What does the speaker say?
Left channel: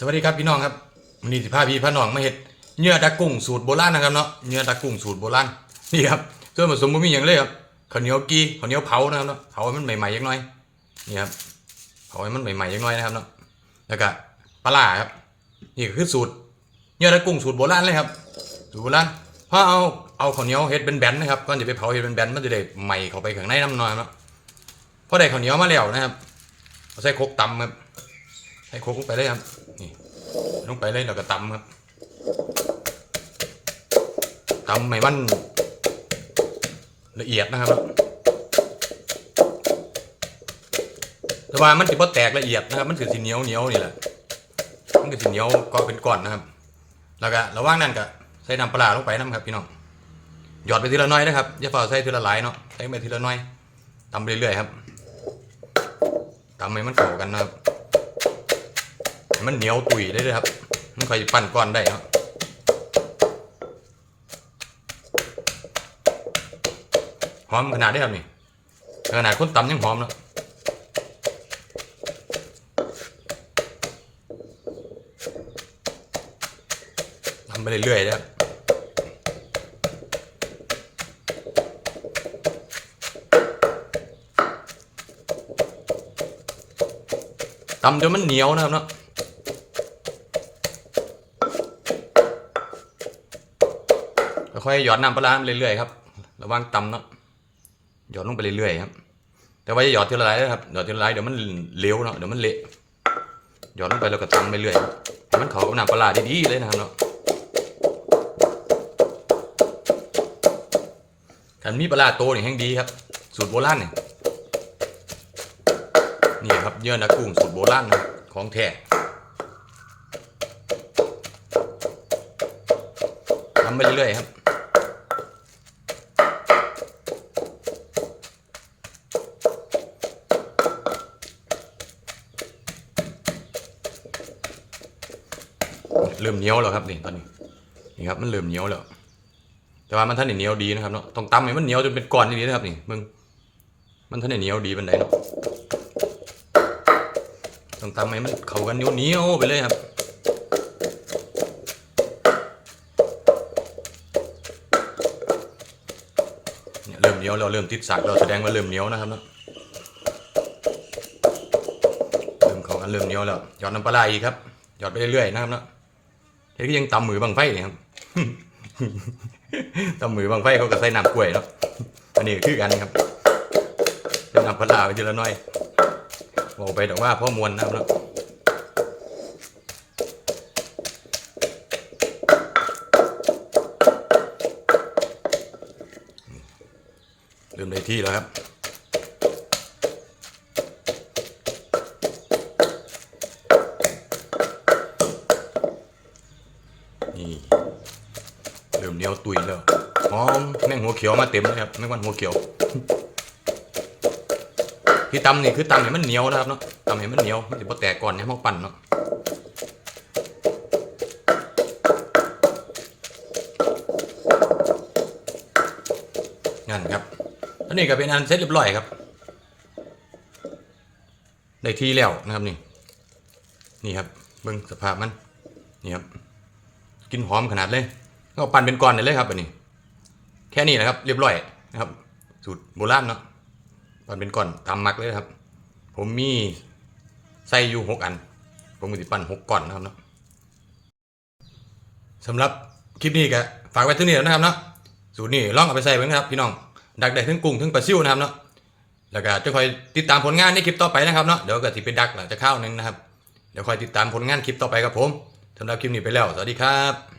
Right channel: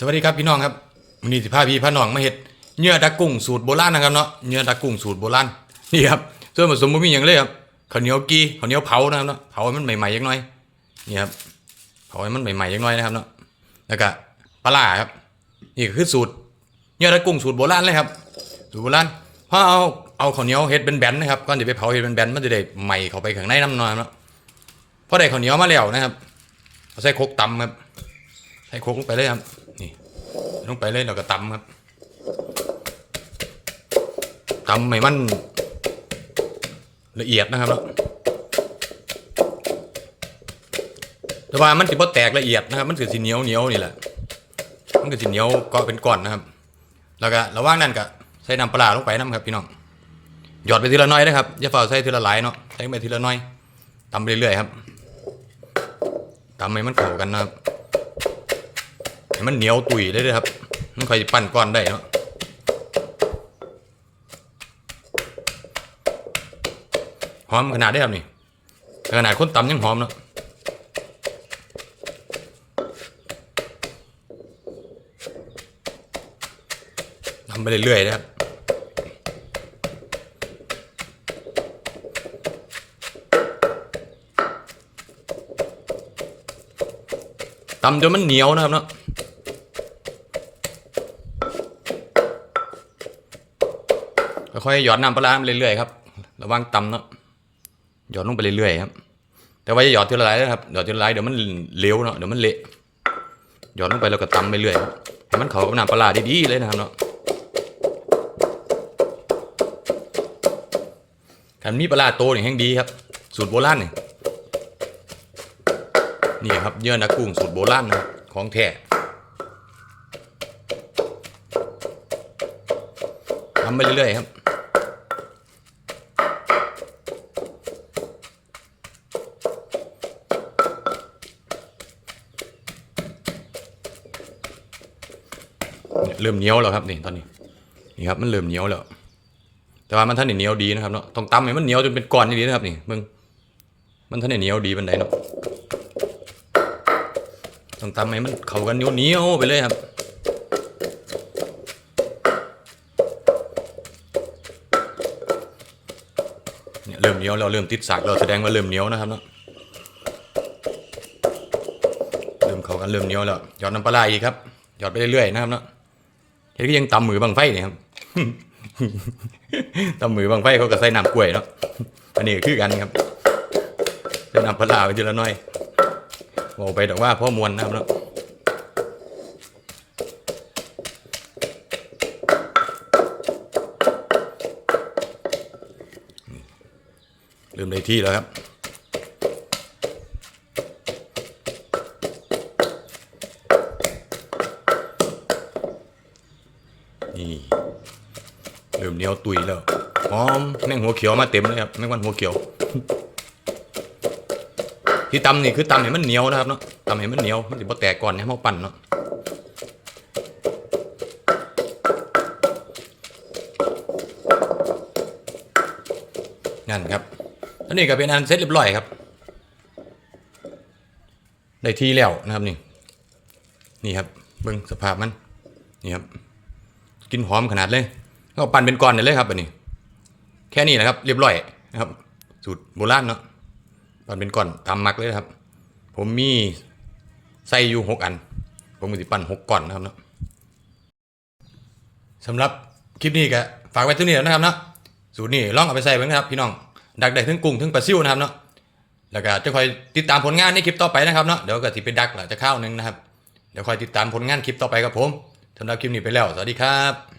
สวัสดีครับพี่น้องครับวันนี้สิพาพี่พาน้องมาเฮ็ดเนื้อดักกุ้งสูตรโบราณนะครับเนาะเนื้อดักกุ้งสูตรโบราณนี่ครับส่วนผสมบ่มีหยังเลยครับข้าวเหนียวกีข้าวเหนียวเผานะครับเนาะเผาให้มันใหม่ๆจังน่อยนี่ครับเผาให้มันใหม่ๆจังน่อยนะครับเนาะแล้วก็ปลาครับนี่คือสูตรเนื้อดักกุ้งสูตรโบราณเลยครับสูตรโบราณพอเอาเอาข้าวเหนียวเฮ็ดเป็นแบนๆนะครับก่อนจะไปเผาเฮ็ดเป็นแบนๆมันจะได้ใหม่เข้าไปข้างในน้ำนอนเนาะพอได้ข้าวเหนียวมาแล้วนะครับเอาใส่โครกตำครับใส่โคกลงไปเลยครับ ลงไปเลยเราก็ตำครับตำให้มันละเอียดนะครับแต่ว่ามันจะบ่แตกละเอียดนะครับ มันคือสีเหนียวเหนียวนี่แหละ มันคือสีเหนียวก็เป็นก้อนนะครับ แล้วก็ระหว่างนั้นก็ใส่น้ำปลาลงไปนะครับพี่น้อง หยอดไปทีละน้อยนะครับ อย่าฝ่าใส่ทีละหลายเนาะ ใส่ไปทีละน้อยตำไปเรื่อยๆครับตำให้มันเข้ากันนะครับ มันเหนียวตุยได้เลยครับ มันค่อยปั้นก้อนได้เนาะหอมขนาดได้ครับนี่ขนาดคนตำยังหอมเนาะทำไปเรื่อยๆนะครับตำจนมันเหนียวนะครับเนาะ ค่อยหยอดน้ำปลาร้าไปเรื่อยๆครับระวังตำเนาะหยอดลงไปเรื่อยๆครับ แต่ว่าจะหยอดทีละลายนะครับหยอดทีละลายเดี๋ยวมันเหลวเนาะเดี๋ยวมันเละหยอดลงไปแล้วก็ตำไปเรื่อยให้มันเข้ากับน้ำปลาร้าดีๆเลยนะครับเนาะถ้ามีปลาร้าโตนี่แห้งดีครับ สูตรโบราณนี่นี่ครับเยื่อนักกุ้งสูตรโบราณนะของแท้ทำไปเรื่อยๆครับ เริ่มเหนียวแล้วครับนี่ตอนนี้นี่ครับมันเริ่มเหนียวแล้ว แต่ว่ามันท่านเหนียวดีนะครับเนาะต้องตำให้มันเหนียวจนเป็นก้อนอย่างนี้นะครับนี่มึงมันท่านเหนียวดีบันไดเนาะต้องตำให้มันเข้ากันเหนียวเหนียวๆไปเลยครับเนี่ยเริ่มเหนียวแล้วเริ่มติดสากแล้วแสดงว่าเริ่มเหนียวนะครับเนาะเริ่มเข้ากันเริ่มเหนียวแล้วหยอดน้ำปลาร้าอีกครับหยอดไปเรื่อยๆนะครับเนาะ เห็นก็ยังตำมือบังไฟเนี่ยครับตำมือบังไฟเขาก็ใส่น้ำกล้วยเนาะอันนี้คือกันครับจะนำพลาไปทีละหน้อยบอกไปแต่ว่าพ่อมวลนะครับเนาะเริ่มได้ที่แล้วครับ นี่เริ่มเหนียวตุยแล้วหอมแมงหัวเขียวมาเต็มเลยครับแมงวันหัวเขียว ที่ตำนี่คือตำให้มันเหนียวนะครับเนาะตำให้มันเหนียวมันจะบ่แตกก่อนให้มันปั่นเนาะนั่นครับอันนี้ก็เป็นอันเสร็จเรียบร้อยครับได้ที่แล้วนะครับนี่ นี่ครับเบิ่งสภาพมันนี่ครับ กินหอมขนาดเลยก็ปั่นเป็นก้อนเลยครับอันนี้ แค่นี้นะครับ เรียบร้อยนะครับ สูตรโบราณเนาะปั่นเป็นก้อนตามมักเลยครับ ผมมีไส้อยู่หกอัน ผมมีสิปั่นหกก้อนนะครับเนาะสำหรับคลิปนี้ก็ฝากไว้เท่นี้แล้วนะครับเนาะสูตรนี้ลองเอาไปใส่ไว้นะครับพี่น้องดักได้ทั้งกุ้งทั้งปลาซิวนะครับเนาะแล้วก็จะคอยติดตามผลงานในคลิปต่อไปนะครับเนาะเดี๋ยวก็สิไปดักหลังจะเข้านึงนะครับเดี๋ยวคอยติดตามผลงานคลิปต่อไปครับผม สำหรับคลิปนี้ไปแล้ว สวัสดีครับ